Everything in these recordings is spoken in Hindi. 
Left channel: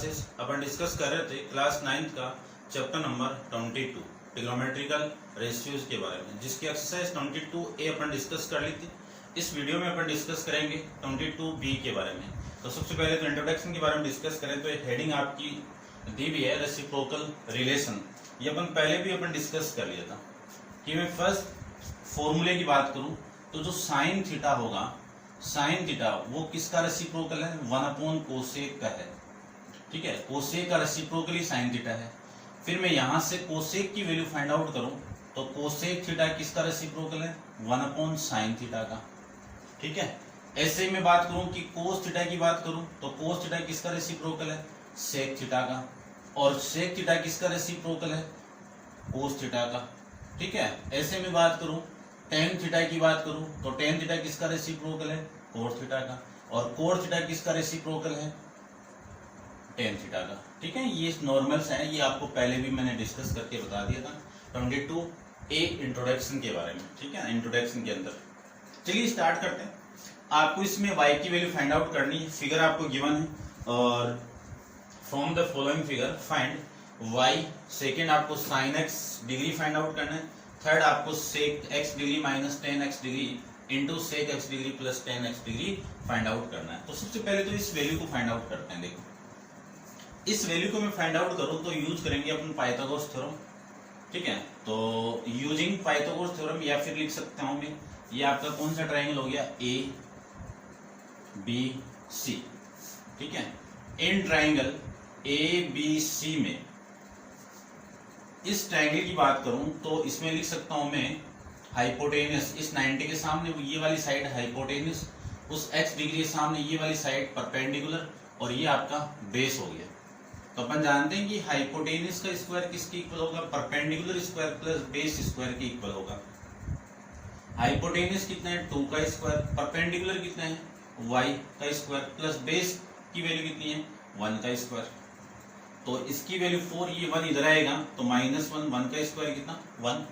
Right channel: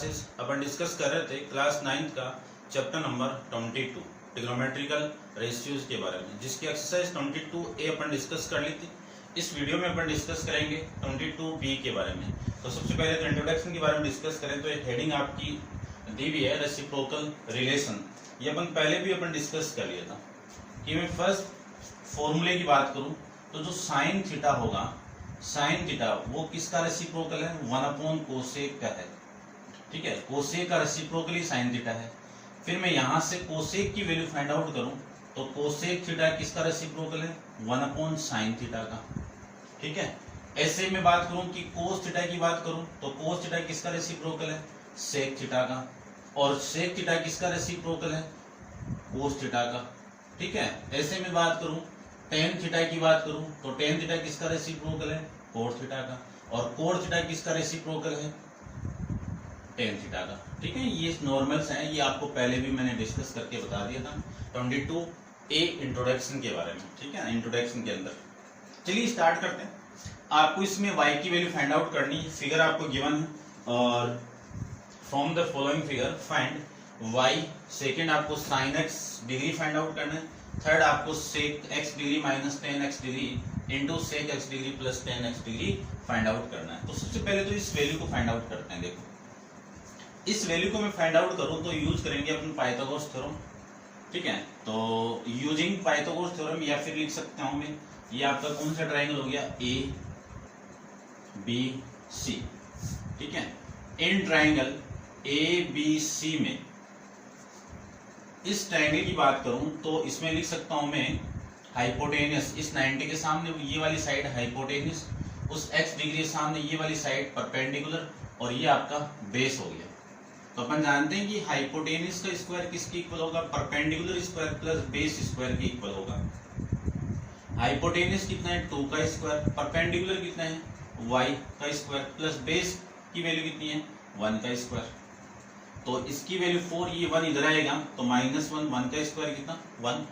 क्लासेस अपन डिस्कस कर रहे थे क्लास 9th का चैप्टर नंबर 22 ट्रिग्नोमेट्रिकल रेशियोज के बारे में, जिसकी एक्सरसाइज 22A अपन डिस्कस कर ली थी। इस वीडियो में अपन डिस्कस करेंगे 22B के बारे में। तो सबसे पहले तो इंट्रोडक्शन के बारे में डिस्कस करें तो हेडिंग आपकी दी हुई है रेसिप्रोकल रिलेशन। ये अपन पहले भी अपन डिस्कस कर लिया था कि मैं फर्स्ट फॉर्मूले की बात करूं तो जो साइन थीटा होगा, साइन थीटा वो किसका रेसिप्रोकल है, 1 कोसेक का है। ठीक है, कोसेक का रेसिप्रोकल ही साइन थीटा है। फिर मैं यहां से कोसेक की वैल्यू फाइंड आउट करूं तो कोसेक थीटा किसका रेसिप्रोकल है, 1 साइन थीटा का। ठीक है, ऐसे में बात करूं कि कोस थीटा की बात करूं तो कोस थीटा किसका रेसिप्रोकल है, सेक थीटा का। और सेक थीटा किसका रेसिप्रोकल है, कोस थीटा का। ठीक है, ऐसे में बात करूं टेन थीटा की बात करूं तो टेन थीटा किसका रेसिप्रोकल है, कोट थीटा का। और कोट थीटा किसका रेसिप्रोकल है, टेन थीटा का। ठीक है, ये नॉर्मल्स हैं, ये आपको पहले भी मैंने डिस्कस करके बता दिया था 22A इंट्रोडक्शन के बारे में। ठीक है, इंट्रोडक्शन के अंदर चलिए स्टार्ट करते हैं। आपको इसमें y की वैल्यू फाइंड आउट करनी है। फिगर आपको गिवन है और from the following figure find y। Second आपको sine x degree find out करना है। थर्ड आपको sec x degree minus 10x degree into sec x degree plus 10x degree find out करना है। तो सबसे पहले तो इस वैल्यू को फाइंड आउट करते हैं। देखो, इस वैल्यू को मैं फाइंड आउट करूं तो यूज करेंगे अपन पाइथागोरस थ्योरम। ठीक है, तो यूजिंग पाइथागोरस थ्योरम या फिर लिख सकता हूं मैं, ये आपका कौन सा ट्राइंगल हो गया, ABC। ठीक है, इन ट्राइंगल ABC में इस ट्रायंगल की बात करूं तो इसमें लिख सकता हूं मैं हाइपोटेनस, इस 90 के सामने ये वाली साइड हाइपोटेनस, उस x डिग्री के सामने ये वाली साइड परपेंडिकुलर, और ये आपका बेस हो गया। तो अपन जानते हैं कि हाइपोटेनस का स्क्वायर किसके इक्वल होगा, perpendicular square plus base square के इक्वल होगा। हाइपोटेनस कितना है, 2 का स्क्वायर, परपेंडिकुलर कितना है, y का स्क्वायर, प्लस बेस की वैल्यू कितनी है, 1 का स्क्वायर। तो इसकी वैल्यू 4, ये 1 इधर आएगा तो -1, 1 का स्क्वायर कितना 1,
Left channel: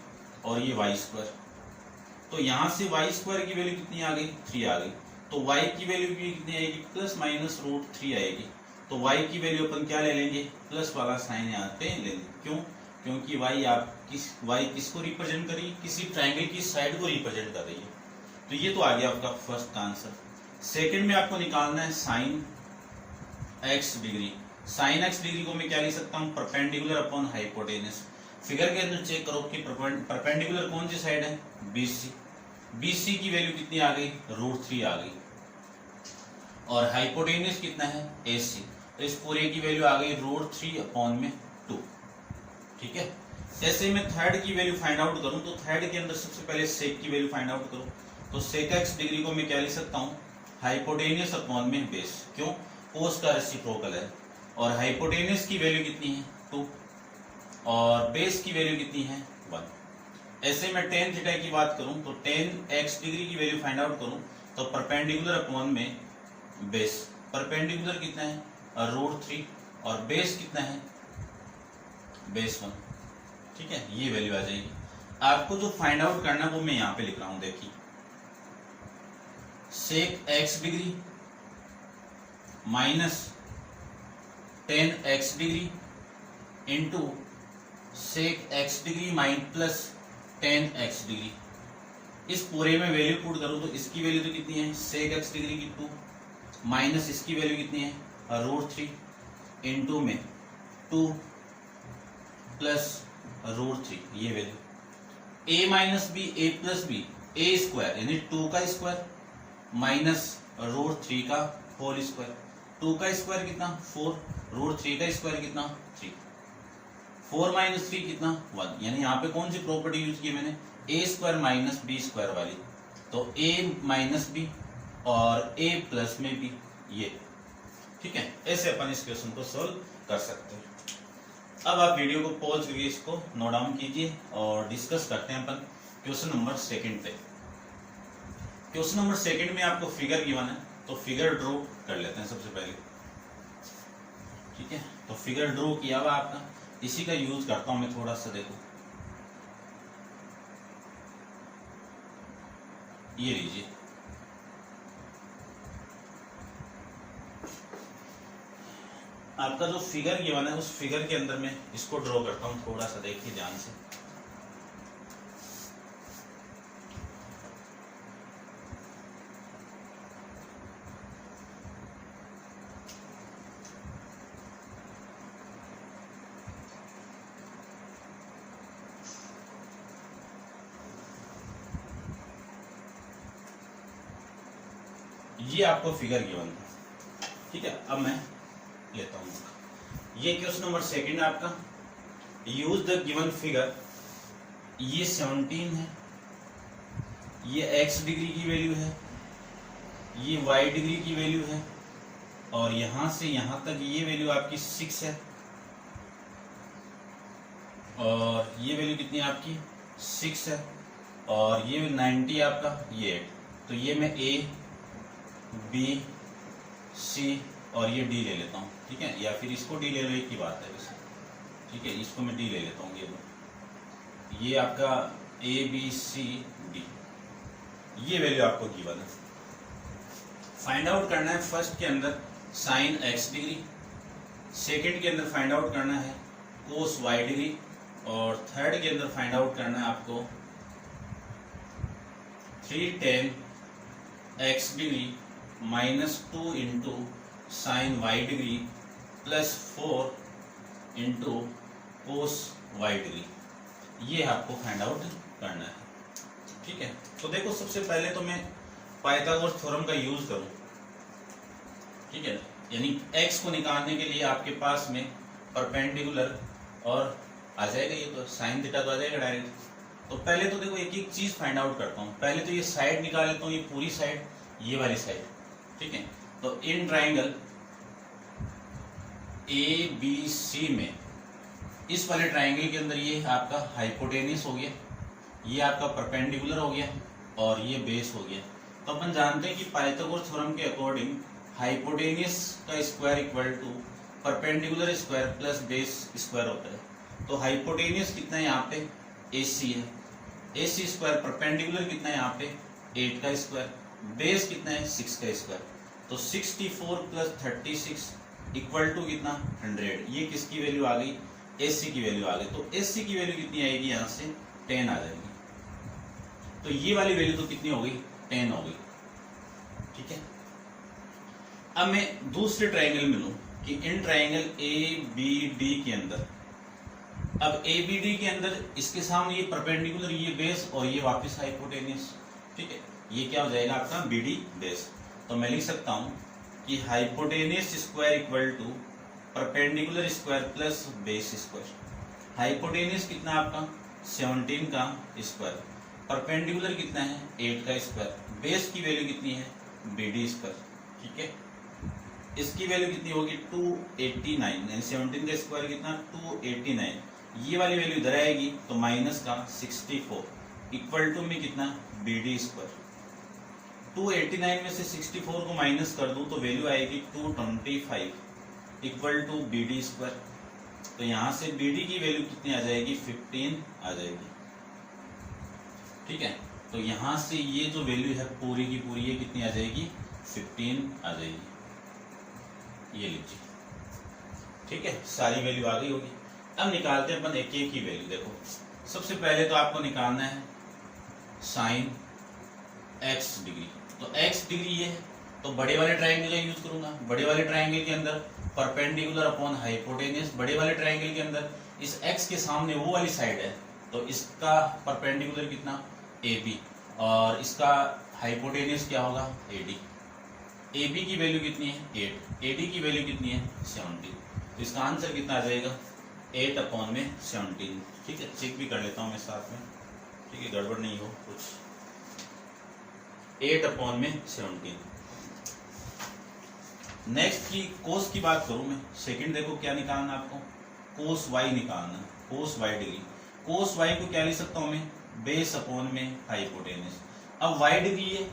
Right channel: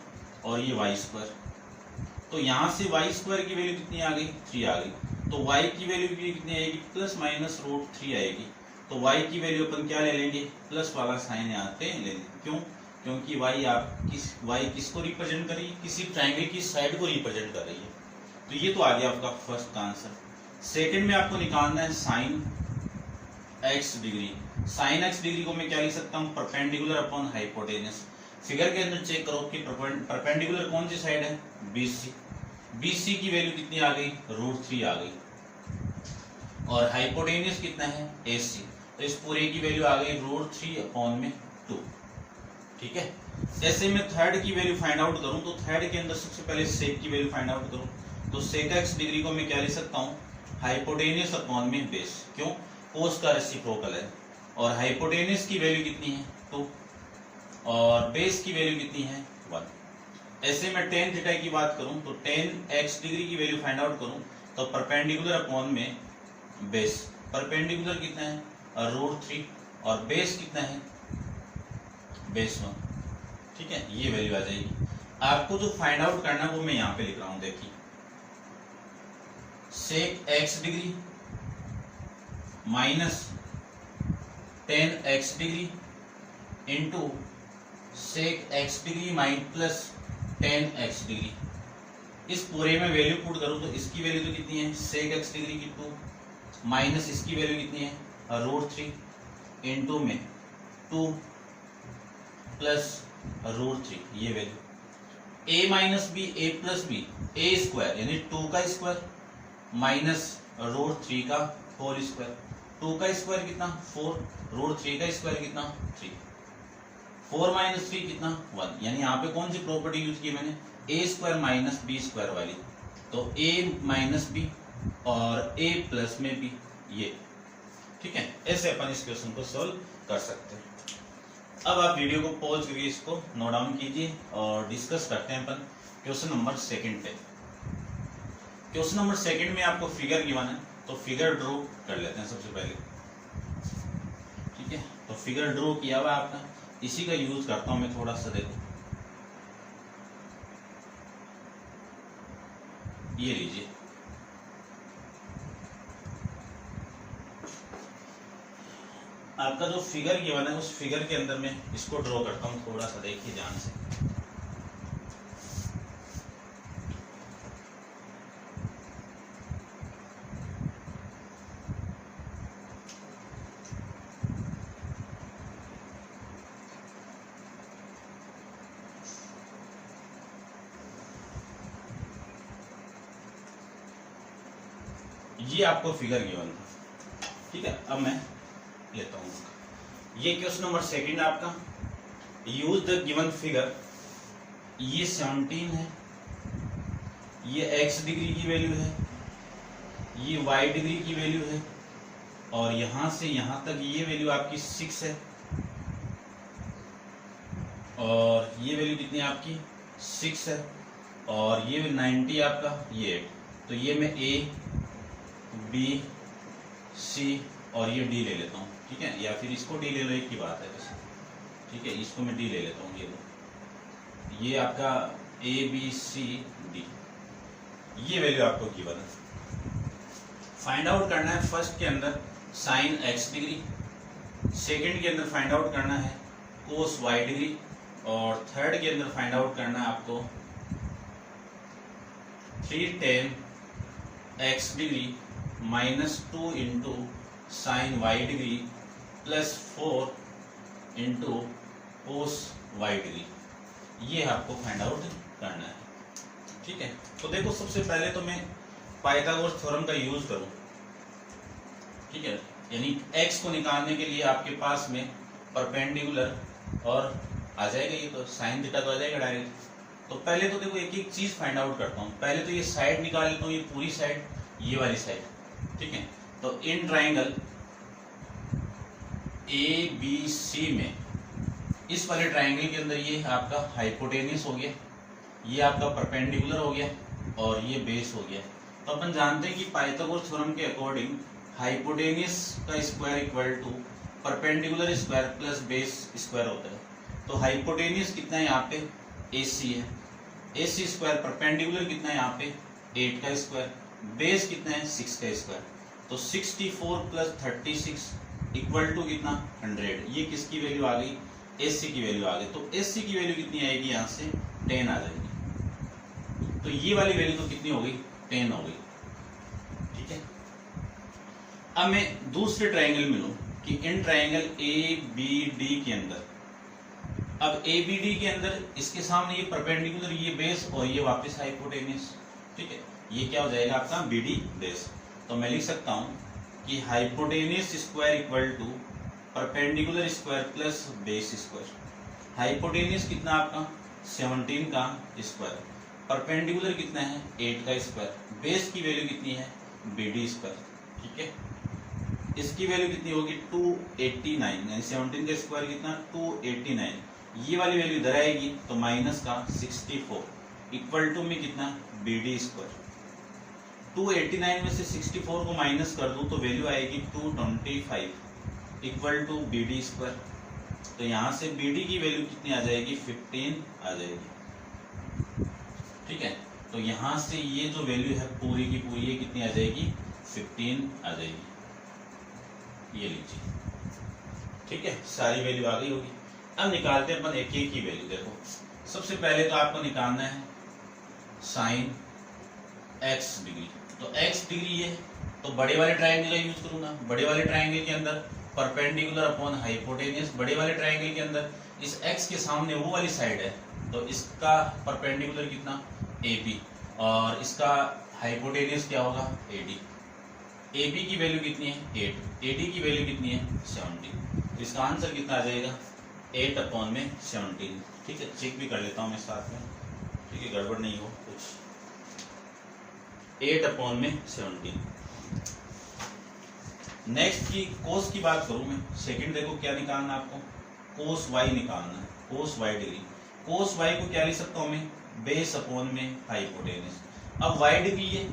और ये y स्क्वायर। तो यहां से y स्क्वायर की वैल्यू कितनी आ गई, 3 आ गई। तो y की वैल्यू भी कितनी आएगी, प्लस माइनस √3 आएगी। तो y की वैल्यू अपन क्या ले लेंगे, प्लस वाला साइन यहाँ पे ले लेंगे। क्यों, क्योंकि y किसको रिप्रेजेंट कर रही है, किसी ट्राइंगल की साइड को रिप्रेजेंट कर रही है। तो ये तो आ गया आपका फर्स्ट का आंसर। सेकेंड में आपको निकालना है sine x degree. Sine x degree को मैं क्या लिख सकता हूँ, परपेंडिकुलर अपॉन हाइपोटेनस। फिगर के अंदर चेक करो कि परपेंडिकुलर कौन सी साइड है, BC। BC की वैल्यू कितनी आ गई, √3 आ गई। और हाइपोटेनस कितना है, AC। तो इस पूरे की वैल्यू आ गई √3 अपॉन में 2। ठीक है, जैसे मैं थर्ड की वैल्यू फाइंड आउट करूं तो थर्ड के अंदर सबसे पहले सेक की वैल्यू फाइंड आउट करूं तो सेक x डिग्री को मैं क्या लिख सकता हूं, हाइपोटेनस अपॉन में बेस। क्यों, कोस का रेसिप्रोकल है। और हाइपोटेनस की वैल्यू कितनी है, 2, और बेस की वैल्यू कितनी है, 1। ऐसे में टेन थीटा की बात करूं तो टेन x डिग्री की वैल्यू फाइंड आउट करूं तो परपेंडिकुलर अपॉन में बेस। परपेंडिकुलर कितना है, √3, और बेस कितना है, बेस 1। ठीक है, ये वैल्यू आ जाएगी। आपको जो फाइंड आउट करना है वो मैं यहां पे लिख रहा हूं। देखिए, sec x degree minus 10x degree into sec x degree plus 10x degree. इस पूरे में वैल्यू पुट करूं तो इसकी वैल्यू तो कितनी है, सेक x डिग्री की 2 माइनस इसकी वैल्यू कितनी है, √3 इंटू में 2 प्लस √3, ये value. a minus B, a plus B, a square यानी 2 का स्क्वायर माइनस √3 का होल स्क्वायर। 2 का स्क्वायर कितना 4, √3 का स्क्वायर कितना 3, 4 माइनस 3 कितना 1। यानी यहाँ पे कौन सी प्रॉपर्टी यूज की मैंने, a square minus B square वाली। तो a माइनस बी और a प्लस में बी, ये। ठीक है, ऐसे अपन इस क्वेश्चन को सोल्व कर सकते हैं। अब आप वीडियो को पॉज करके इसको नोट डाउन कीजिए और डिस्कस करते हैं अपन क्वेश्चन नंबर सेकंड पे। क्वेश्चन नंबर सेकंड में आपको फिगर गिवन है तो फिगर ड्रॉ कर लेते हैं सबसे पहले। ठीक है, तो फिगर ड्रॉ किया हुआ आपका, इसी का यूज करता हूं मैं थोड़ा सा। देखो, ये लीजिए, आपका जो फिगर गिवन है उस फिगर के अंदर मैं इसको ड्रॉ करता हूँ, थोड़ा सा देखिए ध्यान से। ये आपको फिगर गिवन था, ठीक है। अब मैं लेता हूं ये क्वेश्चन नंबर सेकंड आपका, यूज द गिवन फिगर। ये 17 है, ये x डिग्री की वैल्यू है, ये y डिग्री की वैल्यू है, और यहां से यहां तक ये वैल्यू आपकी 6 है, और ये वैल्यू कितनी है आपकी 6 है, और ये 90 आपका ये 8। तो ये मैं a B C और ये D ले लेता हूँ, ठीक है, या फिर इसको D ले लो, एक ही बात है वैसे, ठीक है। इसको मैं D ले लेता हूँ, ये आपका A B C D, ये वैल्यू आपको गिवन है। फाइंड आउट करना है फर्स्ट के अंदर साइन x डिग्री, सेकंड के अंदर फाइंड आउट करना है कोस y डिग्री, और थर्ड के अंदर फाइंड आउट करना है आपको 3 tan x degree -2 into sine y degree plus 4 into cos y degree, ये आपको फाइंड आउट करना है, ठीक है। तो देखो सबसे पहले तो मैं पाइथागोरस थ्योरम का यूज करूं, ठीक है, यानी x को निकालने के लिए आपके पास में परपेंडिकुलर और आ जाएगा, ये तो साइन थीटा तो आ जाएगा डायरेक्ट। तो पहले तो देखो एक एक चीज फाइंड आउट करता हूँ। पहले तो ये साइड निकाल लेता हूँ, ये पूरी साइड, ये वाली साइड, ठीक है। तो इन ट्राइंगल ABC में इस वाले ट्राइंगल के अंदर ये आपका हाइपोटेनियस हो गया, ये आपका परपेंडिकुलर हो गया, और ये बेस हो गया। तो अपन जानते हैं कि पाइथागोरस थ्योरम के अकॉर्डिंग हाइपोटेनियस का square equal to perpendicular square plus base square होता है। तो हाइपोटेनियस कितना है यहाँ पे AC है, AC स्क्वायर, परपेंडिकुलर कितना है यहाँ पे 8 का स्क्वायर, बेस कितना है 6 का स्क्वायर। तो 64 प्लस 36 इक्वल टू कितना 100। ये किसकी वैल्यू आ गई, AC की वैल्यू आ गई। तो AC की वैल्यू कितनी आएगी, यहाँ से 10 आ जाएगी। तो ये वाली वैल्यू तो कितनी हो गई 10 हो गई, ठीक है। अब मैं दूसरे ट्राइंगल में लूं कि इन ट्राइंगल ABD के अंदर, अब ABD के अंदर इसके सामने ये परपेंडिकुलर, ये बेस, और ये वापस हाइपोटेनियस, ठीक है। ये क्या हो जाएगा आपका BD बेस। तो मैं लिख सकता हूं कि hypotenuse square equal to perpendicular square plus base square. Hypotenuse कितना आपका 17 का स्क्वायर, परपेंडिकुलर कितना है 8 का स्क्वायर, बेस की वैल्यू कितनी है BD स्क्वायर, ठीक है। इसकी वैल्यू कितनी होगी 289, यानी 17 का स्क्वायर कितना 289। ये वाली वैल्यू इधर आएगी तो माइनस का 64 इक्वल टू में कितना BD स्क्वायर। 289 में से 64 को माइनस कर दूं तो वैल्यू आएगी 225 इक्वल टू BD स्क्वायर। तो यहाँ से BD की वैल्यू कितनी आ जाएगी 15 आ जाएगी, ठीक है। तो यहाँ से ये जो वैल्यू है पूरी की पूरी ये कितनी आ जाएगी 15 आ जाएगी, ये लीजिए, ठीक है। सारी वैल्यू आ गई होगी। अब निकालते हैं अपन एक एक की वैल्यू। देखो सबसे पहले तो आपको निकालना है साइन x डिग्री। तो x डिग्री है तो बड़े वाले ट्राइंगल का यूज करूंगा। बड़े वाले ट्राइंगल के अंदर परपेंडिकुलर अपॉन हाइपोटेनियस, बड़े वाले ट्राइंगल के अंदर इस x के सामने वो वाली साइड है तो इसका परपेंडिकुलर कितना AB, और इसका हाइपोटेनियस क्या होगा AD। AB की वैल्यू कितनी है 8, AD की वैल्यू कितनी है 17। तो इसका आंसर कितना आ जाएगा 8 अपॉन में 17, ठीक है। चेक भी कर लेता हूँ मैं साथ में, ठीक है, गड़बड़ नहीं हो कुछ। 8 अपॉन में 17। नेक्स्ट की कोस की बात करूं मैं, सेकंड देखो क्या निकालना है आपको, कोस y निकालना, कोस y डिग्री। कोस y को क्या लिख सकता हूं मैं बेस अपॉन में हाइपोटेनियस। अब y डिग्री है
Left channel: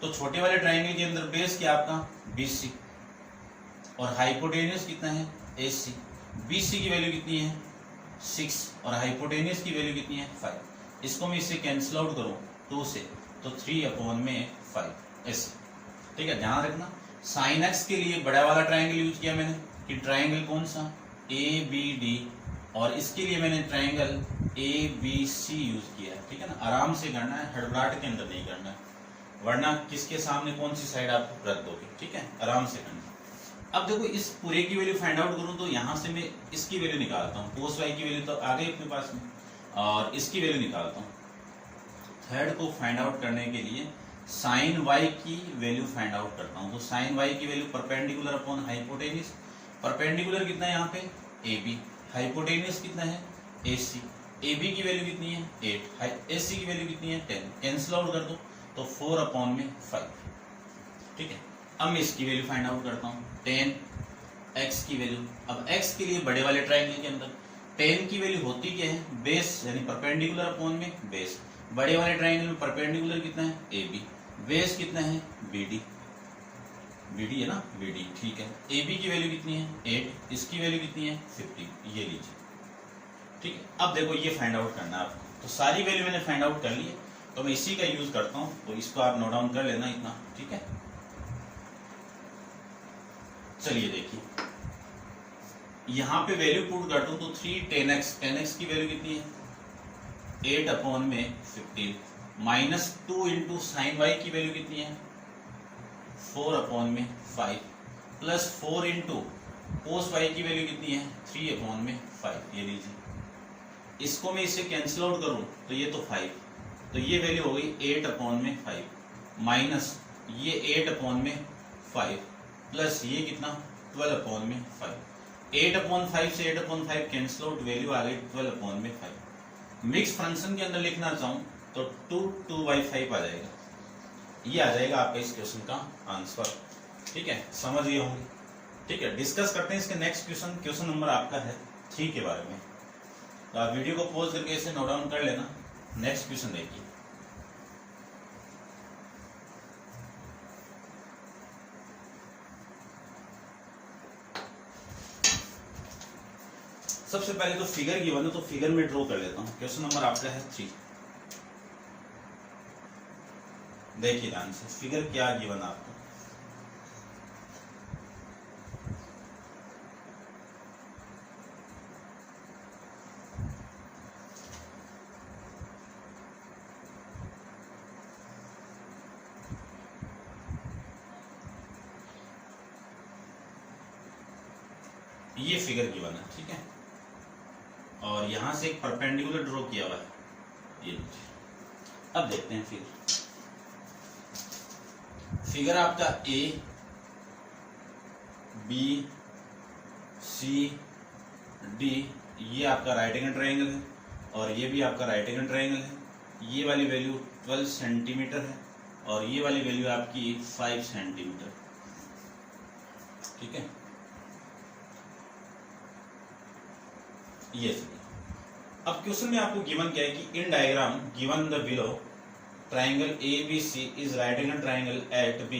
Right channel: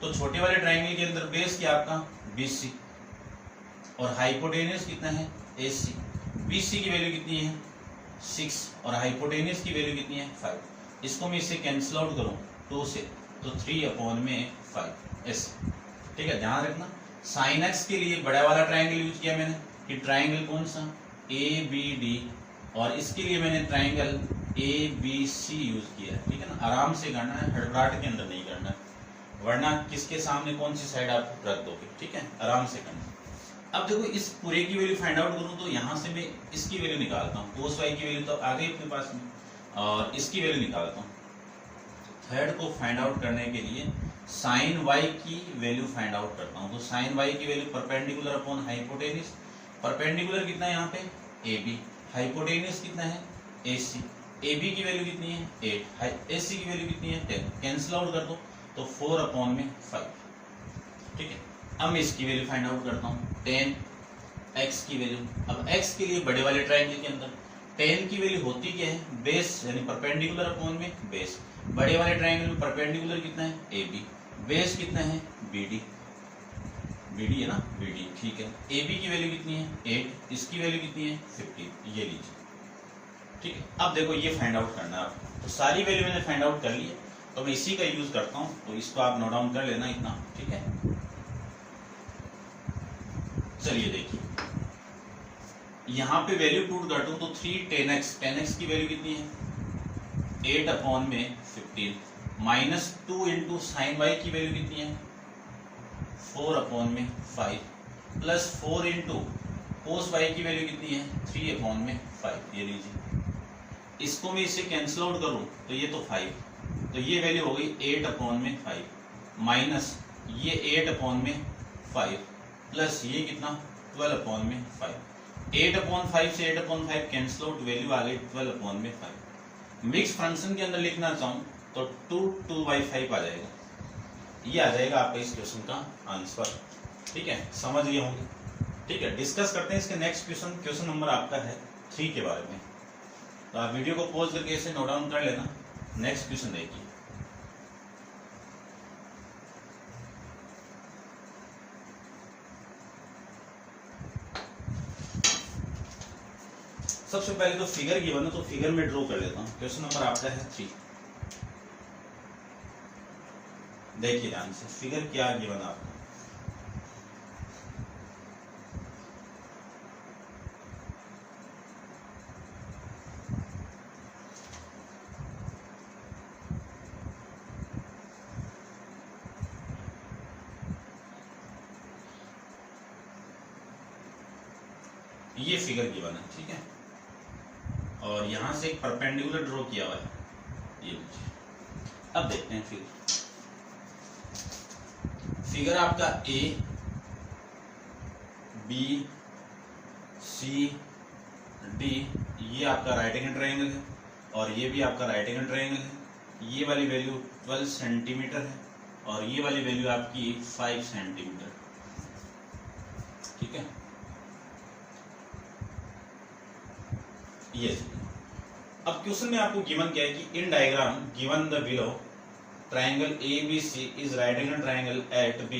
तो छोटे वाले ट्राइंगल के अंदर बेस क्या आपका BC, और हाइपोटेनियस कितना है AC। BC की वैल्यू कितनी है 6 और हाइपोटेनियस की वैल्यू कितनी है 5। इसको मैं इससे कैंसिल आउट करूं 2 से तो 3 अपॉन में 5 ऐसे, ठीक है। ध्यान रखना साइन x के लिए बड़ा वाला ट्राइंगल यूज किया मैंने, कि ट्राइंगल कौन सा ए बी डी, और इसके लिए मैंने triangle A B C use किया, ठीक है ना। आराम से करना है, हड़बड़ाहट के अंदर नहीं करना है, वरना किसके सामने कौन सी साइड आप रख दोगे, ठीक है, आराम से करना। अब देखो इस पूरे की वैल्यू फाइंड आउट करूं तो यहाँ से मैं इसकी वैल्यू निकालता हूँ, कोस वाई की वैल्यू तो आ गई अपने पास में, और इसकी वैल्यू निकालता हूँ। थर्ड को फाइंड आउट करने के लिए साइन वाई की वैल्यू फाइंड आउट करता हूँ। तो साइन वाई की value perpendicular upon hypotenuse, perpendicular कितना है यहाँ पे ए बी, हाइपोटेनिस कितना है ए सी, ए बी की वैल्यू कितनी है 8, ए सी की वैल्यू कितनी है 10, कैंसिल आउट कर दो तो 4 अपॉन में 5, ठीक है। अब मैं इसकी वैल्यू फाइंड आउट करता हूँ 10 x की वैल्यू। अब x के लिए बड़े वाले ट्रायंगल के अंदर 10 की वैल्यू होती क्या है बेस, यानी परपेंडिकुलर अपॉन में बेस। बड़े वाले ट्रायंगल में परपेंडिकुलर कितना है ए बी, बेस कितना है बी डी, बी डी है ना बी डी, ठीक है। ए बी की वैल्यू कितनी है 8, इसकी वैल्यू कितनी है 50, ये लीजिए, ठीक है। अब देखो ये फाइंड आउट करना है आपको, तो सारी वैल्यू मैंने फाइंड आउट कर ली है, तो मैं इसी का यूज करता हूँ, तो इसको आप नोट डाउन कर लेना इतना, ठीक है। चलिए देखिए यहाँ पे वैल्यू पुट कर दूं तो 3 10x, 10x की वैल्यू कितनी है 8 अपॉन में 15, माइनस 2 इंटू साइन वाई की वैल्यू कितनी है 4 अपॉन में 5, प्लस 4 इंटू कोस वाई की वैल्यू कितनी है 3 अपॉन में 5, ये लीजिए। इसको मैं इसे कैंसिल आउट करूं तो ये तो 5, तो ये वैल्यू हो गई 8 अपॉन में 5, माइनस ये 8 अपॉन में 5, प्लस ये कितना 12 अपॉन में 5, 8 अपॉन 5 से 8 अपॉन 5 कैंसिल आउट, वैल्यू आ गई 12 अपॉन में 5। मिक्स फंक्शन के अंदर लिखना चाहूं तो 2/5 आ जाएगा, ये आ जाएगा आपका इस क्वेश्चन का आंसर, ठीक है। समझ गए होंगे, ठीक है। डिस्कस करते हैं इसके नेक्स्ट क्वेश्चन, क्वेश्चन नंबर आपका है 3 के बारे में। तो आप वीडियो को पॉज करके इसे नोट डाउन कर लेना। नेक्स्ट क्वेश्चन देखिए, सबसे पहले तो फिगर गिवन है, तो फिगर में ड्रॉ कर लेता हूँ। क्वेश्चन नंबर आपका है 3, देखिए ध्यान से फिगर क्या गिवन आपको। ये फिगर गिवन है, ठीक है, और यहां से एक परपेंडिकुलर ड्रॉ किया हुआ है, ये लीजिए। अब देखते हैं फिगर आपका ए बी सी डी, ये आपका राइट एंगल ट्रायंगल है, और ये भी आपका राइट एंगल ट्रायंगल है। ये वाली वैल्यू 12 सेंटीमीटर है, और ये वाली वैल्यू आपकी 5 सेंटीमीटर, ठीक है। ये अब क्वेश्चन में आपको गिवन क्या है कि in diagram given the below triangle ABC is right angle triangle at B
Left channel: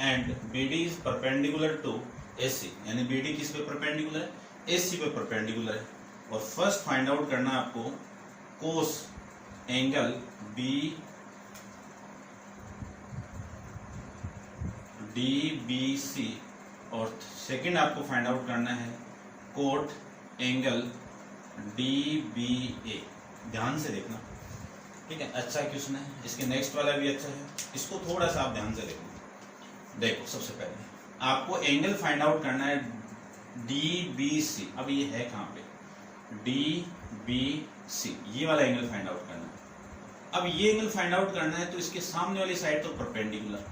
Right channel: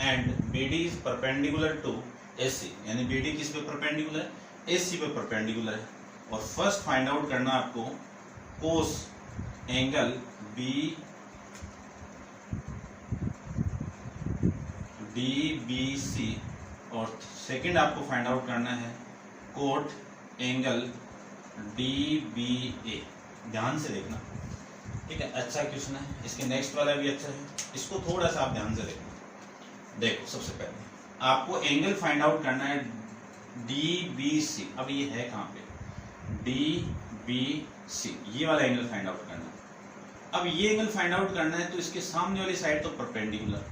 and BD is perpendicular to AC, यानी BD किस पे परपेंडिकुलर है AC पे परपेंडिकुलर है। और फर्स्ट फाइंड आउट करना आपको कोस एंगल DBC, और सेकंड आपको फाइंड आउट करना है कोट एंगल DBA। ध्यान से देखना, ठीक है, अच्छा क्वेश्चन है। इसके नेक्स्ट वाला भी अच्छा है, इसको थोड़ा सा आप ध्यान से देखना। देखो सबसे पहले आपको एंगल फाइंड आउट करना है DBC। अब ये है कहाँ पे DBC, ये वाला एंगल फाइंड आउट करना है। अब ये एंगल फाइंड आउट करना है तो इसके सामने वाली साइड तो परपेंडिकुलर,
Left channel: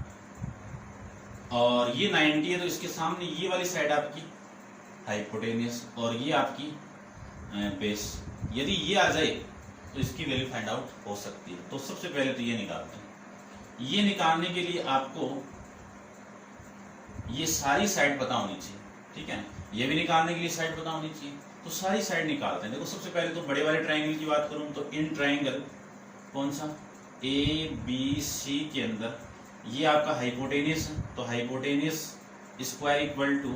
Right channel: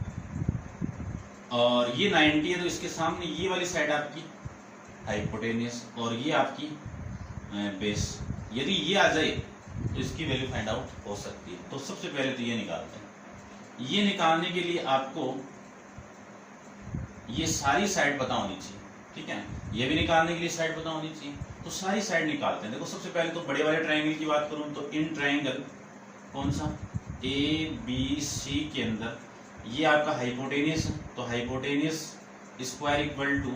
और ये 90 है, तो इसके सामने ये वाली साइड आपकी हाइपोटेनियस, और ये आपकी बेस। यदि ये आ जाए तो इसकी वैल्यू फाइंड आउट हो सकती है। तो सबसे पहले तो ये निकालते हैं। ये निकालने के लिए आपको ये सारी साइड पता होनी चाहिए, ठीक है। ये भी निकालने के लिए साइड पता होनी चाहिए, तो सारी साइड निकालते हैं। देखो सबसे पहले तो बड़े वाले ट्रायंगल की बात करूं तो इन ट्रायंगल कौन सा ABC के अंदर ये आपका हाइपोटेनियस है, तो हाइपोटेनियस स्क्वायर इक्वल टू,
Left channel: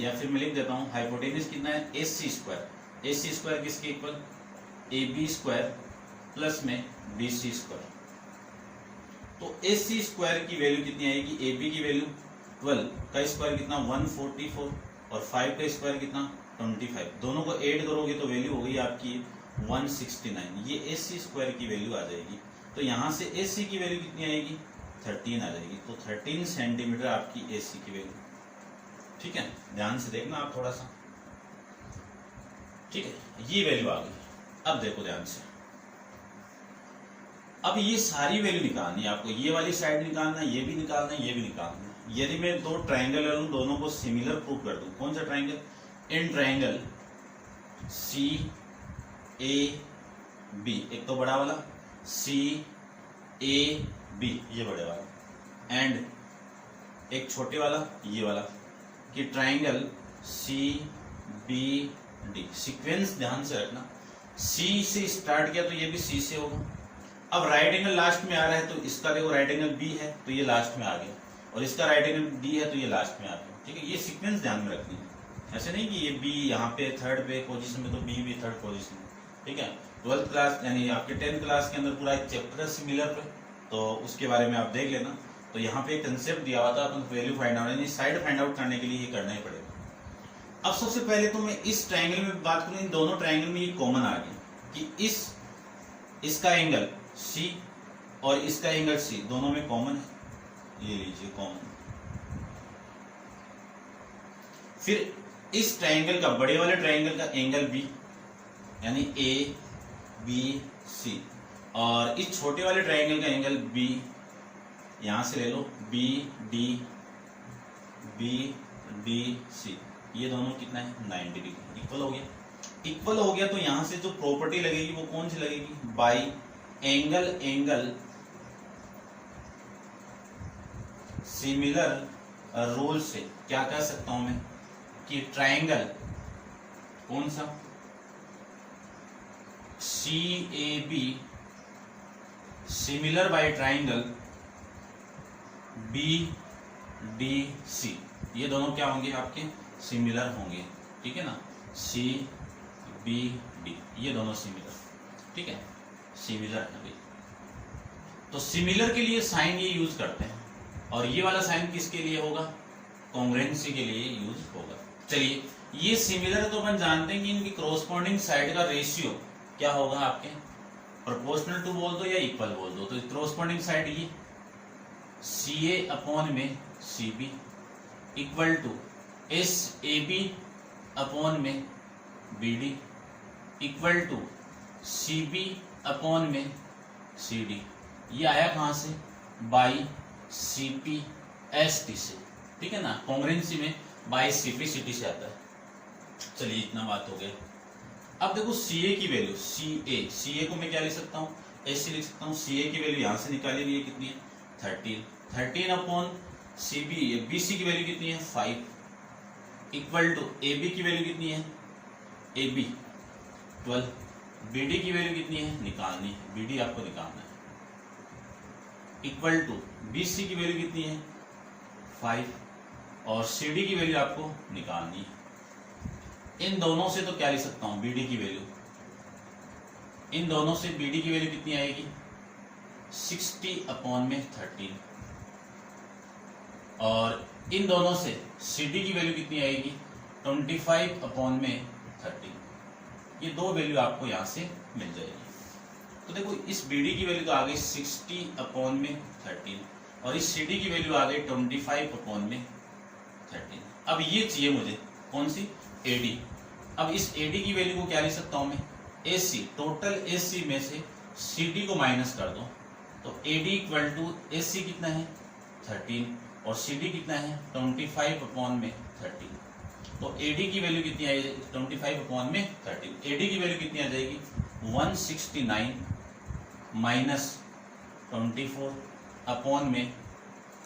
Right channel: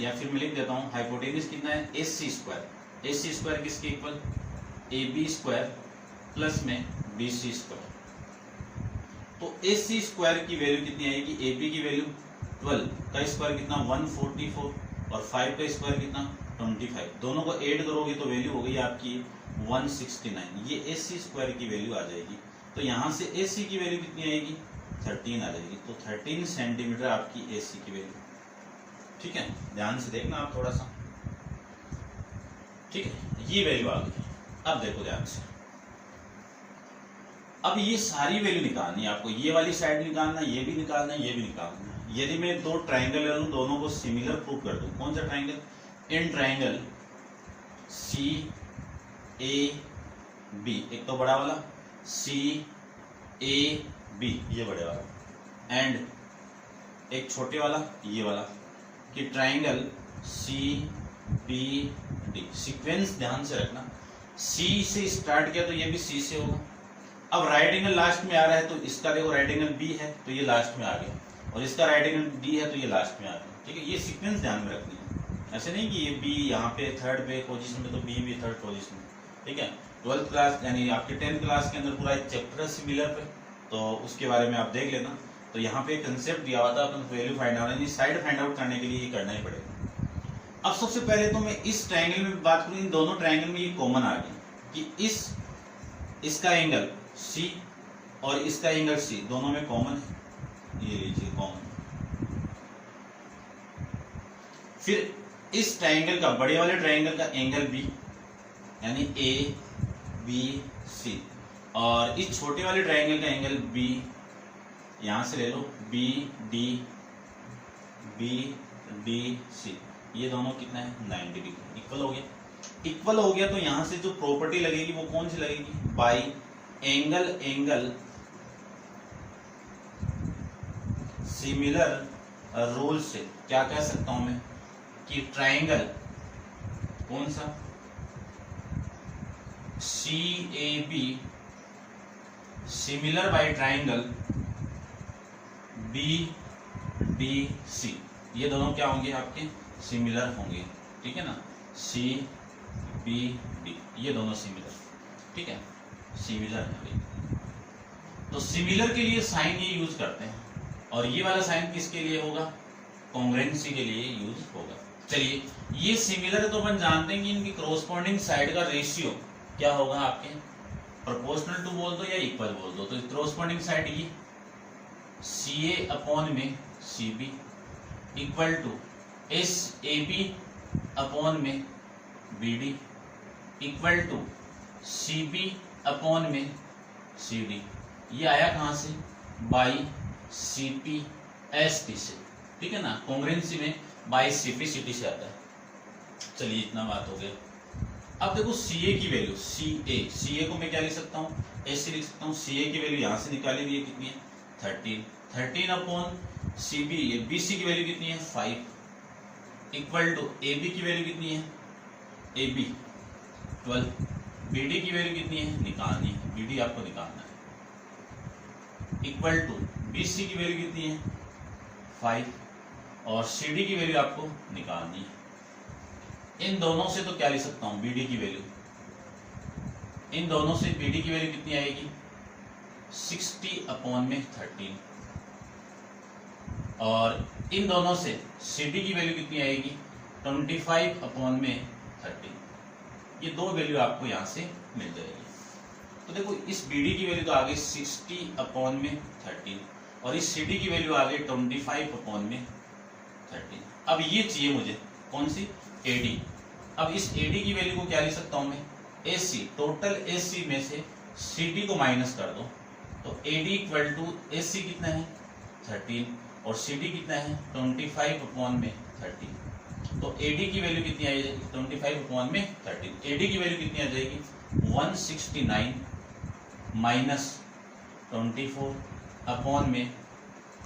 या फिर मैं लिख देता हूँ हाइपोटेनियस कितना है AC स्क्वायर। AC स्क्वायर किसके इक्वल AB स्क्वायर प्लस में BC स्क्वायर। तो AC स्क्वायर की वैल्यू कितनी आएगी, AB की वैल्यू 12 का स्क्वायर कितना 144 और 5 का स्क्वायर कितना 25। दोनों को ऐड करोगे तो वैल्यू हो गई आपकी 169। ये AC स्क्वायर की वैल्यू आ जाएगी। तो यहाँ से AC की वैल्यू कितनी आएगी 13 आ जाएगी। तो 13 सेंटीमीटर आपकी AC की वैल्यू। ठीक है, ध्यान से देखना आप थोड़ा सा। ठीक है, ये वैल्यू आ गई। अब देखो ध्यान से, अब ये सारी वैल्यू निकालनी है आपको। ये वाली साइड निकालना है, ये भी निकालना है, ये भी निकालना है। यदि मैं दो ट्राइंगल ले लूं, दोनों को सिमिलर प्रूव कर दूं, कौन सा ट्राइंगल? इन ट्राइंगल CAB, एक तो बड़ा वाला CAB, ये बड़े वाला, एंड एक छोटे वाला ये वाला, कि ट्राइंगल CBD। सीक्वेंस ध्यान से रखना, C से स्टार्ट किया तो ये भी C से होगा। अब राइट एंगल लास्ट में आ रहा है तो इसका देखो राइट एंगल B है तो ये लास्ट में आ गया, और इसका राइट एंगल D है तो ये लास्ट में आ गया। ठीक है, ये सीक्वेंस ध्यान में रखनी है। ऐसे नहीं कि ये B यहाँ पे थर्ड पे पोजीशन में तो B भी थर्ड पोजीशन में। ठीक है, 12th क्लास यानी आपके 10th क्लास के अंदर पूरा एक चैप्टर है सिमिलर पे, तो उसके बारे में आप देख लेना। तो यहाँ पे कंसेप्ट दिया हुआ था, अपन वैल्यू फाइंड आउट यानी साइड फाइंड आउट करने के लिए ये करना ही पड़ेगा। अब सबसे पहले तो मैं इस ट्राइंगल में बात करूँ, इन दोनों ट्राइंगल में ये कॉमन आ गया कि इसका एंगल C और इसका एंगल C दोनों में कॉमन है। ये लीजिए कॉमन। फिर इस ट्राइंगल का, बड़े वाले ट्राइंगल का एंगल B यानी ABC, और इस छोटे वाले ट्राइंगल का एंगल B, यहां से ले लो BDC, ये दोनों कितना है 90 डिग्री। इक्वल हो गया। इक्वल हो गया तो यहां से जो प्रॉपर्टी लगेगी वो कौन सी लगेगी? बाई एंगल सिमिलर रूल से क्या कह सकता हूं मैं कि ट्राइंगल कौन सा CAB similar by triangle BDC, ये दोनों क्या होंगे आपके? सिमिलर होंगे। ठीक है ना, CBD, ये दोनों सिमिलर। ठीक है, सिमिलर है भाई। तो सिमिलर के लिए साइन ये यूज करते हैं, और ये वाला साइन किसके लिए होगा? कॉन्ग्रुएंसी के लिए यूज होगा। चलिए, ये सिमिलर है तो अपन जानते हैं कि इनकी कॉरस्पॉन्डिंग साइड का रेशियो क्या होगा आपके? प्रोपोर्शनल टू बोल दो या इक्वल बोल दो। तो कॉरस्पॉन्डिंग साइड ये CA अपॉन में CB equal to SAB upon में BD equal to CB upon में CD। ये आया कहां से? बाई CPST से। ठीक है ना, कॉन्ग्रुएंसी में बाई CPCT से आता है। चलिए, इतना बात हो गई। अब देखो CA की वैल्यू, CA को मैं क्या लिख सकता हूँ? ऐसे लिख सकता हूँ। CA की वैल्यू यहां से निकाली हुई है, कितनी है? 13 अपॉन CB, BC की वैल्यू कितनी है? 5 इक्वल टू AB की वैल्यू कितनी है? AB 12। BD की वैल्यू कितनी है? निकालनी है, BD आपको निकालना है। इक्वल टू BC की वैल्यू कितनी है? 5, और CD की वैल्यू आपको निकालनी है। इन दोनों से तो क्या लिख सकता हूं? BD की वैल्यू, इन दोनों से BD की वैल्यू कितनी आएगी? 60 अपॉन में 13, और इन दोनों से CD की वैल्यू कितनी आएगी? 25 अपॉन में 13। ये दो वैल्यू आपको यहां से मिल जाएगी। तो देखो, इस BD की वैल्यू तो आ गई 60 अपॉन में 13, और इस CD की वैल्यू आ गई 25 अपॉन में 13। अब ये चाहिए मुझे, कौन सी? AD। अब इस AD की वैल्यू को क्या लिख सकता हूं मैं? AC, टोटल AC में से CD को माइनस कर दो, तो AD इक्वल टू AC कितना है? 13, और CD कितना है? 25 अपॉन में 13। तो AD की वैल्यू कितनी आएगी? 25 अपॉन में 13। AD की वैल्यू कितनी आ जाएगी? 169 माइनस 24 अपॉन में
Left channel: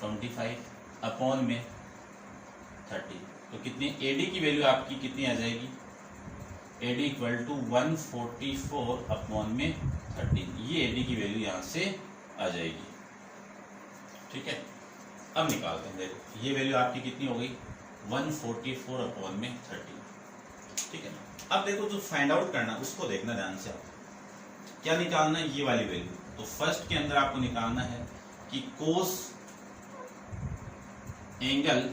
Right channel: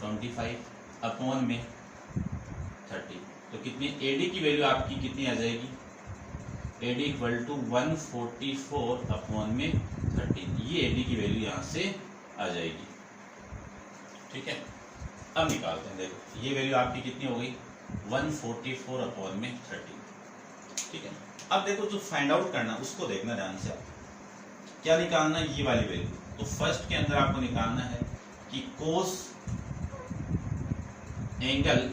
25 अपॉन में 30। तो कितनी AD की वैल्यू आपकी कितनी आ जाएगी? AD इक्वल टू 144 अपॉन में 13। ये AD की वैल्यू यहां से आ जाएगी। ठीक है, अब निकालते हैं। देखो, ये वैल्यू आपकी कितनी हो गई? 144 अपॉन में 13। ठीक है, अब देखो जो फाइंड आउट करना उसको देखना ध्यान से। क्या निकालना है? ये वाली वैल्यू। तो फर्स्ट के अंदर आपको निकालना है कि कोस एंगल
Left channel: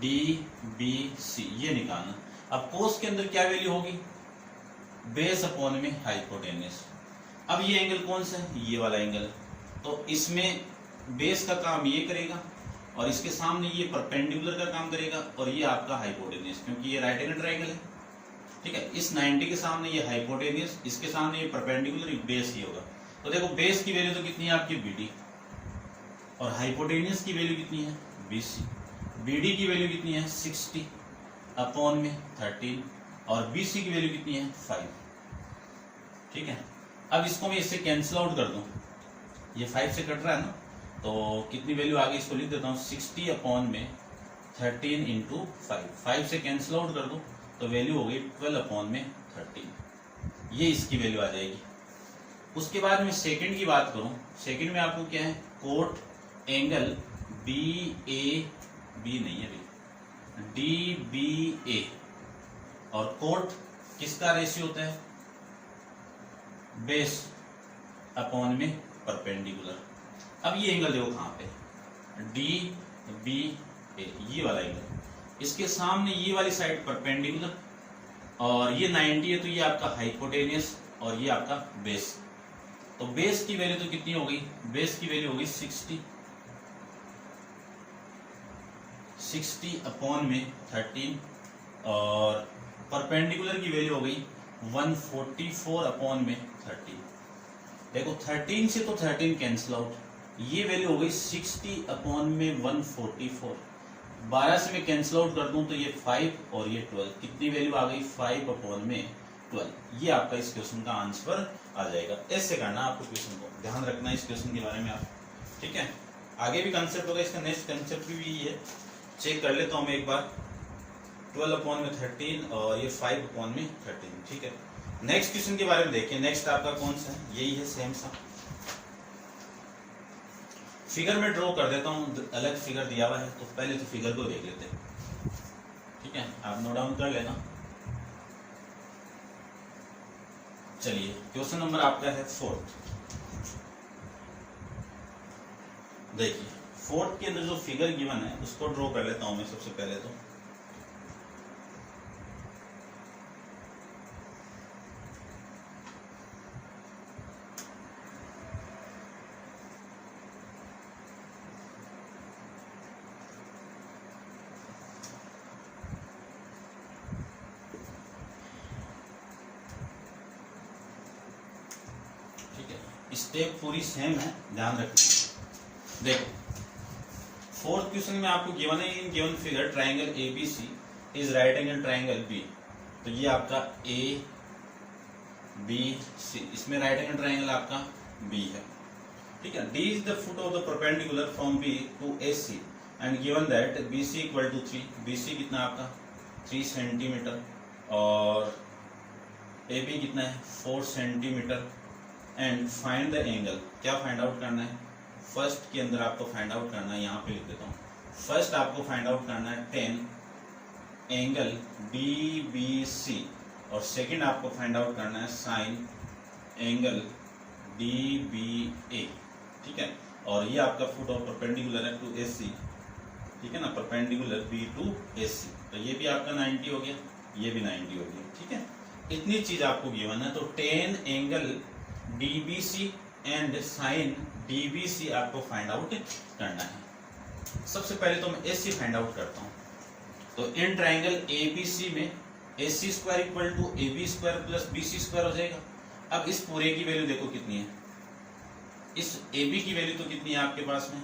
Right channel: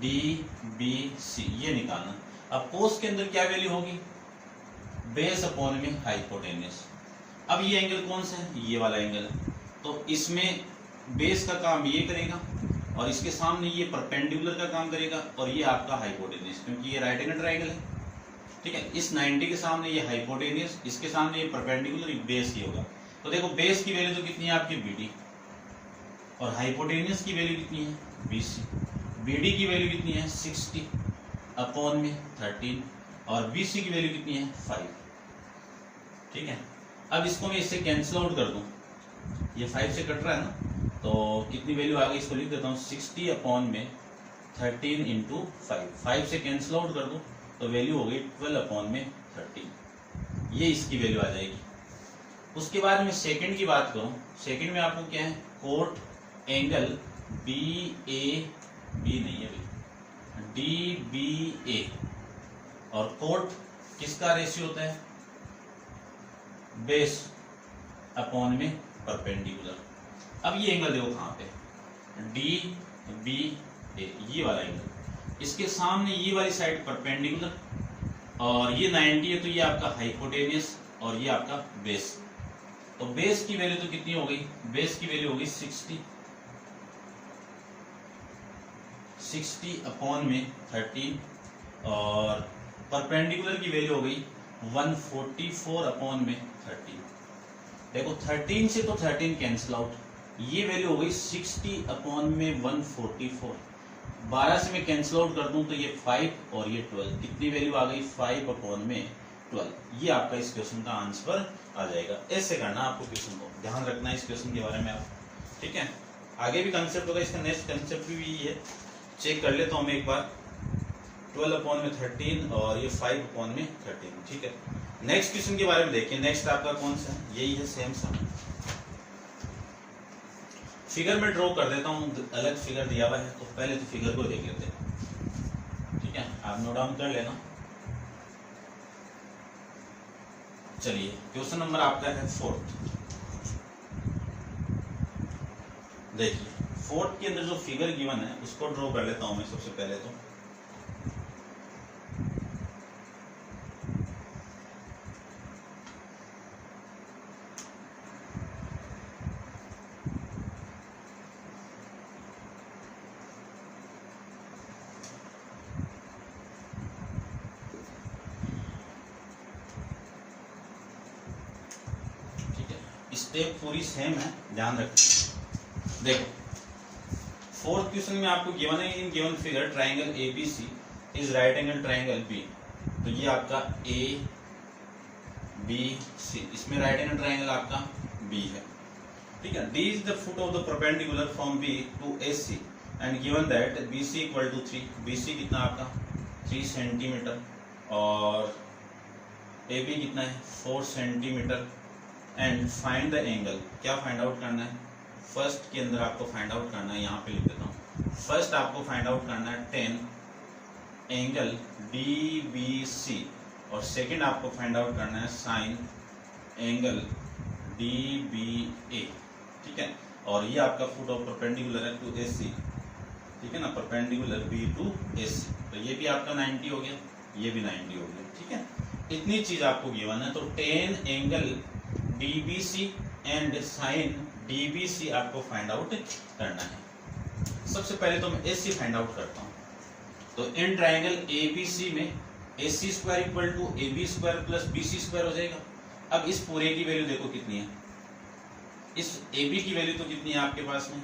DBC ये निकालना। अब कोस के अंदर क्या वैल्यू होगी, बेस अपॉन में हाइपोटेन्यूस। अब ये एंगल कौन सा है, ये वाला एंगल, तो इसमें बेस का काम ये करेगा और इसके सामने ये परपेंडिकुलर का काम करेगा और ये आपका हाइपोटेन्यूस, क्योंकि ये राइट एंगल ट्रायंगल है। ठीक है, इस 90 के सामने ये हाइपोटेन्यूस, इसके सामने ये परपेंडिकुलर, बेस ये होगा। तो देखो बेस की वैल्यू तो कितनी है आपकी BD और हाइपोटेन्यूस की वैल्यू कितनी है BC। BD की वैल्यू कितनी है 60 अपॉन में 13 और BC की वैल्यू कितनी है 5। ठीक है, अब इसको मैं इससे कैंसिल आउट कर दूं, ये 5 से कट रहा है ना, तो कितनी वैल्यू आ गई, इसको लिख देता हूँ 60 अपॉन में 13 इंटू 5 से कैंसिल आउट कर दूं तो वैल्यू हो गई 12 अपॉन में 13, ये इसकी वैल्यू आ जाएगी। उसके बाद में सेकंड की बात करूं, सेकंड में आपको क्या है, कोट एंगल BAB नहीं है भाई, DBA, और कोट किसका रेशियो होता है, बेस अपॉन में परपेंडिकुलर। अब ये एंगल देखो कहां पे, DBA, ये वाला एंगल, इसके सामने ये वाली साइड परपेंडिकुलर और ये 90 है, तो ये आपका हाइपोटेन्यूस और ये आपका बेस। तो बेस की वैल्यू तो कितनी हो गई, बेस की वैल्यू होगी 60 अपॉन में 13 और परपेंडिकुलर की वैल्यू हो गई 144 अपॉन में 13। देखो 13 से तो 13 कैंसिल आउट, ये वैल्यू हो गई 60 अपॉन में 144, 12 से मैं कैंसिल आउट कर दूं तो ये 5 और ये 12, कितनी वैल्यू आ गई 5 अपॉन में 12। ये आपका इस क्वेश्चन का आंसर आ जाएगा। ऐसे करना आपको क्वेश्चन को, ध्यान रखना इस क्वेश्चन के बारे में आप। ठीक है, आगे भी कंसेप्ट होगा, इसका नेक्स्ट कंसेप्ट भी है, चेक कर लेता हूं मैं एक बार। 12 अपॉन में 13 और ये 5 अपॉन में 13। ठीक है, नेक्स्ट क्वेश्चन के बारे में देखिए। नेक्स्ट आपका कौन सा है, यही है, सेम सा फिगर में ड्रॉ कर देता हूँ, अलग फिगर दिया हुआ है, तो पहले तो फिगर को देख लेते हैं। ठीक है, आप नोट डाउन कर लेना। चलिए, क्वेश्चन नंबर आपका है 4। देखिए 4 के अंदर जो फिगर गिवन है उसको ड्रॉ कर लेता हूं मैं सबसे पहले तो। स्टेप पूरी सेम है, ध्यान रखिए। देखो 4th क्वेश्चन में आपको गिवन है, in given figure triangle ABC is right angle triangle B। तो ये आपका ABC, इसमें राइट एंगल ट्रायंगल आपका B है। ठीक है, D is the foot of the perpendicular from B to AC and given that BC equal to 3। BC कितना आपका 3 सेंटीमीटर और AB कितना है 4 centimetre. And find the angle, क्या फाइंड आउट करना है, फर्स्ट के अंदर आपको फाइंड आउट करना है, यहाँ पे लिख देता हूँ। फर्स्ट आपको फाइंड आउट करना है 10 एंगल DBC और सेकंड आपको फाइंड आउट करना है साइन एंगल DBA। ठीक है, और ये आपका फुट ऑफ परपेंडिकुलर है टू AC। ठीक है ना, परपेंडिकुलर B टू AC, तो ये भी आपका 90 हो गया, ये भी 90 हो गया। ठीक है, इतनी चीज आपको गिवन है, तो 10 angle DBC and sine DBC आपको फाइंड आउट करना है। सबसे पहले तो मैं AC फाइंड आउट करता हूं। तो इन ट्रायंगल ABC में AC square equal to AB square plus BC square हो जाएगा। अब इस पूरे की वैल्यू देखो कितनी है, इस AB की वैल्यू तो कितनी है आपके पास में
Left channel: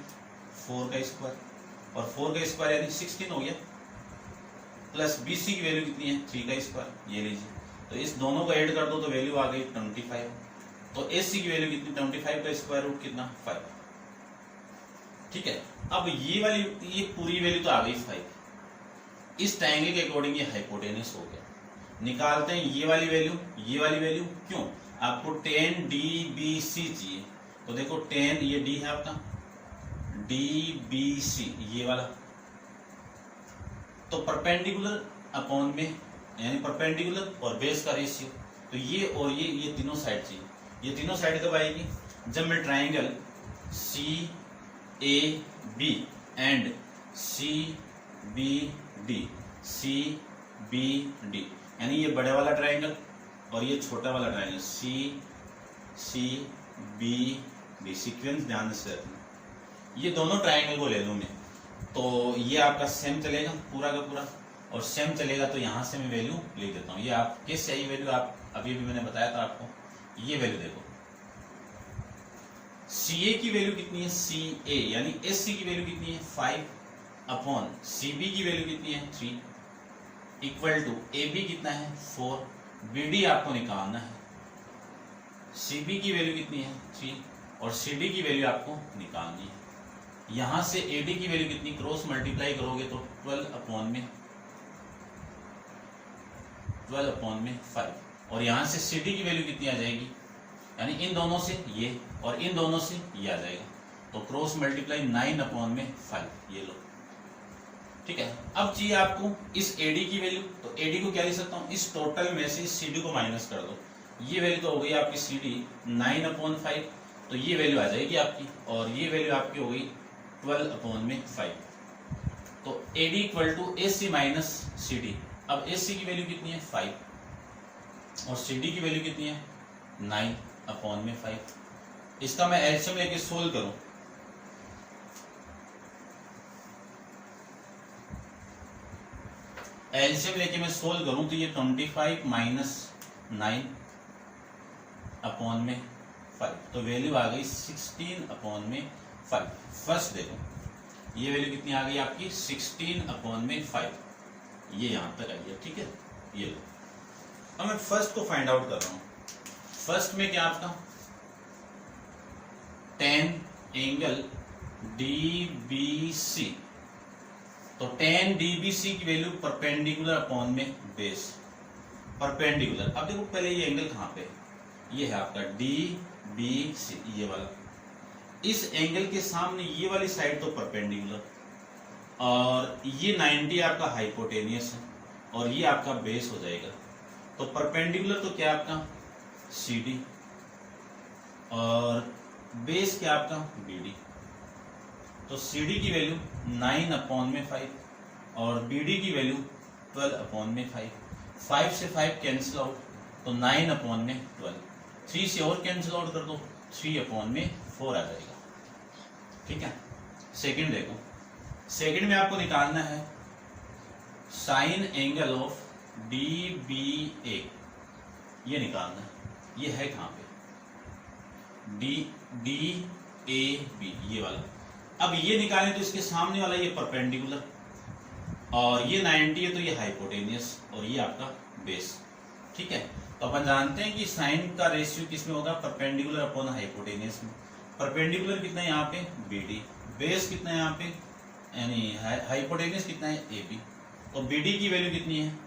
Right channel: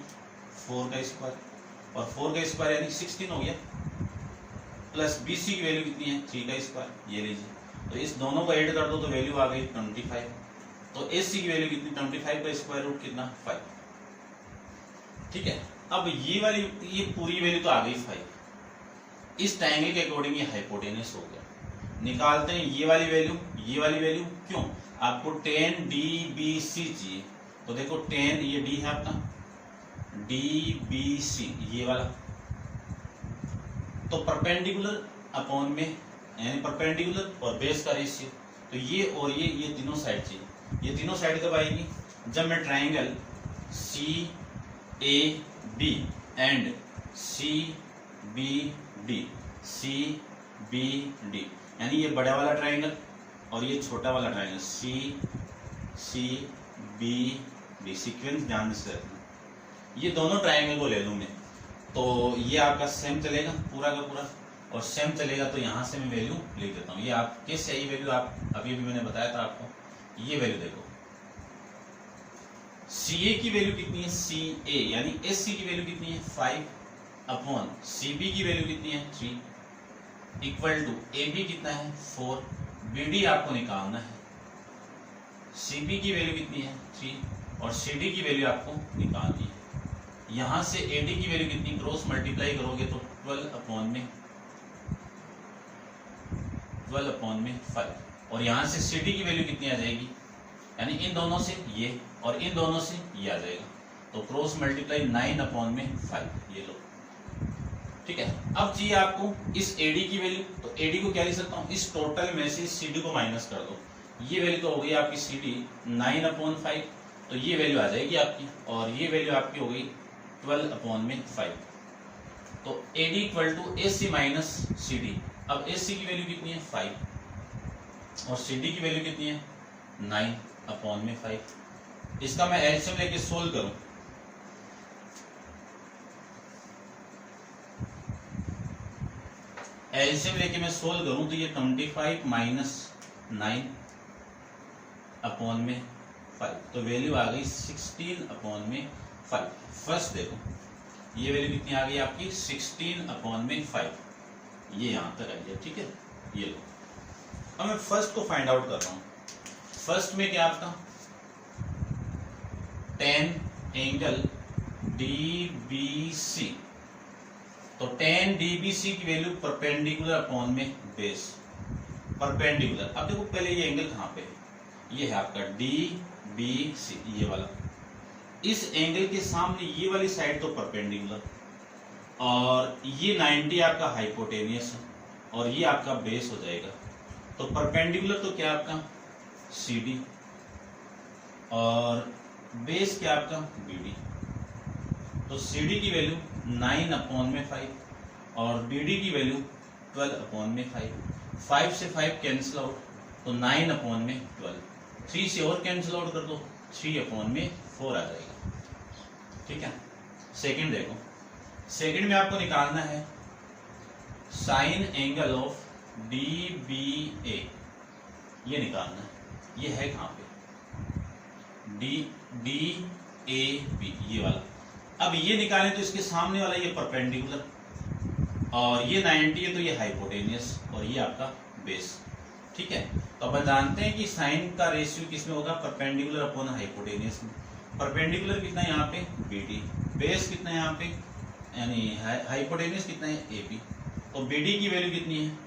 4 का स्क्वायर, और 4 का स्क्वायर यानी 16 हो गया, प्लस BC की वैल्यू कितनी है 3 का स्क्वायर, ये लीजिए। तो इस दोनों को ऐड कर दो तो वैल्यू आ गई 25। तो AC की वैल्यू कितनी 25 का स्क्वायर रूट कितना 5। ठीक है, अब ये वाली ये पूरी वैल्यू तो आ गई 5। इस ट्रायंगल के अकॉर्डिंग ये हाइपोटेन्यूस हो गया। निकालते हैं ये वाली वैल्यू, ये वाली वैल्यू, क्यों आपको 10 DBC चाहिए। तो देखो 10 ये D है आपका, DBC ये वाला, तो परपेंडिकुलर अपॉन में यानी परपेंडिकुलर और बेस का रेशियो, तो ये और ये तीनों साइड चाहिए। ये तीनों साइड कब आएगी, जब मैं triangle CAB and CBD, CBD, यानी ये बड़े वाला ट्रायंगल और ये छोटा वाला ट्रायंगल CCBD, सीक्वेंस ध्यान से रखना। ये दोनों ट्रायंगल को ले लूं मैं, तो ये आपका सेम चलेगा पूरा का पूरा, और सेम चलेगा तो यहां से मैं वैल्यू ले देता हूं। ये आपके सही वैल्यू आप अभी भी मैंने बताया था आपको, ये वैल्यू देखो। CA की वैल्यू कितनी है, CA यानी SC की वैल्यू कितनी है 5 अपॉन CB की वैल्यू कितनी है 3 इक्वल टू AB कितना है 4, BD आपको निकालना है। CB की वैल्यू कितनी है 3 और CD की वैल्यू आपको निकालनी है। यहां से AD की वैल्यू कितनी, क्रॉस मल्टीप्लाई करोगे तो 12 अपॉन में 5, और यहां से CD की वैल्यू कितनी आ जाएगी, यानी इन दोनों से ये और इन दोनों से ये आ जाएगा, तो क्रॉस मल्टीप्लाई 9 अपॉन में 5, ये लो। ठीक है, अब चाहिए आपको इस AD की वैल्यू, तो AD को क्या लिख सकता हूं, इस टोटल में से CD को माइनस कर दो। ये वैल्यू तो हो गई आपकी CD 9 अपॉन 5, तो ये वैल्यू आ जाएगी आपकी, और ये वैल्यू आपकी हो गई 12 अपॉन में 5। तो AD equal to AC minus CD। अब AC की वैल्यू कितनी है 5 और CD की वैल्यू कितनी है 9 अपॉन में 5। इसका मैं एलसीएम लेके सोल्व करूं, एलसीएम लेके मैं सोल्व करूं तो ये 25 माइनस 9 अपॉन में 5, तो वैल्यू आ गई 16 अपॉन में 5। फर्स्ट देखो ये वैल्यू कितनी आ गई आपकी 16 अपॉन में 5, ये यहां तक आ गया। ठीक है, ये लो। अब मैं फर्स्ट को फाइंड आउट कर रहा हूं। फर्स्ट में क्या आपका tan एंगल DBC, तो tan DBC की वैल्यू परपेंडिकुलर अपॉन में बेस, परपेंडिकुलर। अब देखो पहले ये एंगल कहां पे है, ये है आपका DBC, ये वाला। इस एंगल के सामने ये वाली साइड तो परपेंडिकुलर, और ये 90 आपका हाइपोटेनियस है, और ये आपका बेस हो जाएगा। तो परपेंडिकुलर तो क्या आपका CD, और बेस क्या आपका BD। तो CD की वैल्यू 9 अपॉन में 5 और BD की वैल्यू 12 अपॉन में 5। 5 से 5 कैंसिल आउट, तो 9 अपॉन में 12। 3 से और कैंसिल आउट कर दो, 3 अपॉन में 4 आ जाएगा। ठीक है, सेकंड देखो। सेकंड में आपको निकालना है साइन एंगल ऑफ DBA, ये निकालना है। ये है कहां पे DAB, ये वाला। अब ये निकालें तो इसके सामने वाला ये परपेंडिकुलर, और ये 90 है तो ये हाइपोटेनियस, और ये आपका बेस। ठीक है, तो अपन जानते हैं कि साइन का रेशियो किसमें होगा, परपेंडिकुलर अपॉन हाइपोटेनियस में। परपेंडिकुलर कितना है यहाँ पे BD, बेस कितना है यहाँ पे, यानी हाइपोटेनियस कितना है AB। तो BD की वैल्यू कितनी है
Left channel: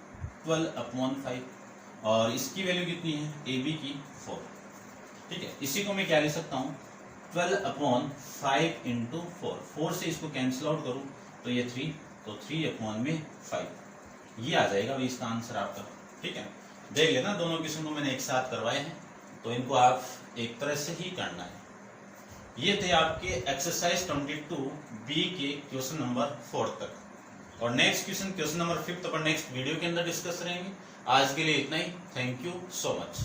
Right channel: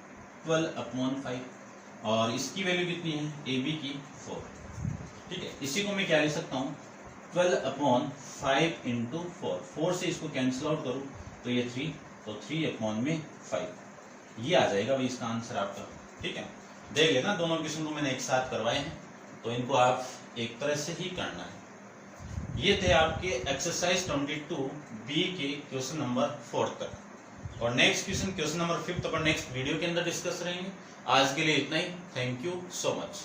12 अपॉन 5, और इसकी वैल्यू कितनी है AB की 4। ठीक है, इसी को मैं क्या लिख सकता हूँ 12 अपॉन 5 इंटू 4 से इसको कैंसिल आउट करूँ तो ये 3, तो 3 अपॉन में 5, ये आ जाएगा भाई इसका आंसर आपका। ठीक है, देख लेना दोनों क्वेश्चन को मैंने एक साथ करवाए हैं, तो इनको आप एक तरह से ही करना है। ये थे आपके एक्सरसाइज 22B के क्वेश्चन नंबर 4 तक, और नेक्स्ट क्वेश्चन नंबर 5 अपन नेक्स्ट वीडियो के अंदर डिस्कस करेंगे। आज के लिए इतना ही, थैंक यू सो मच।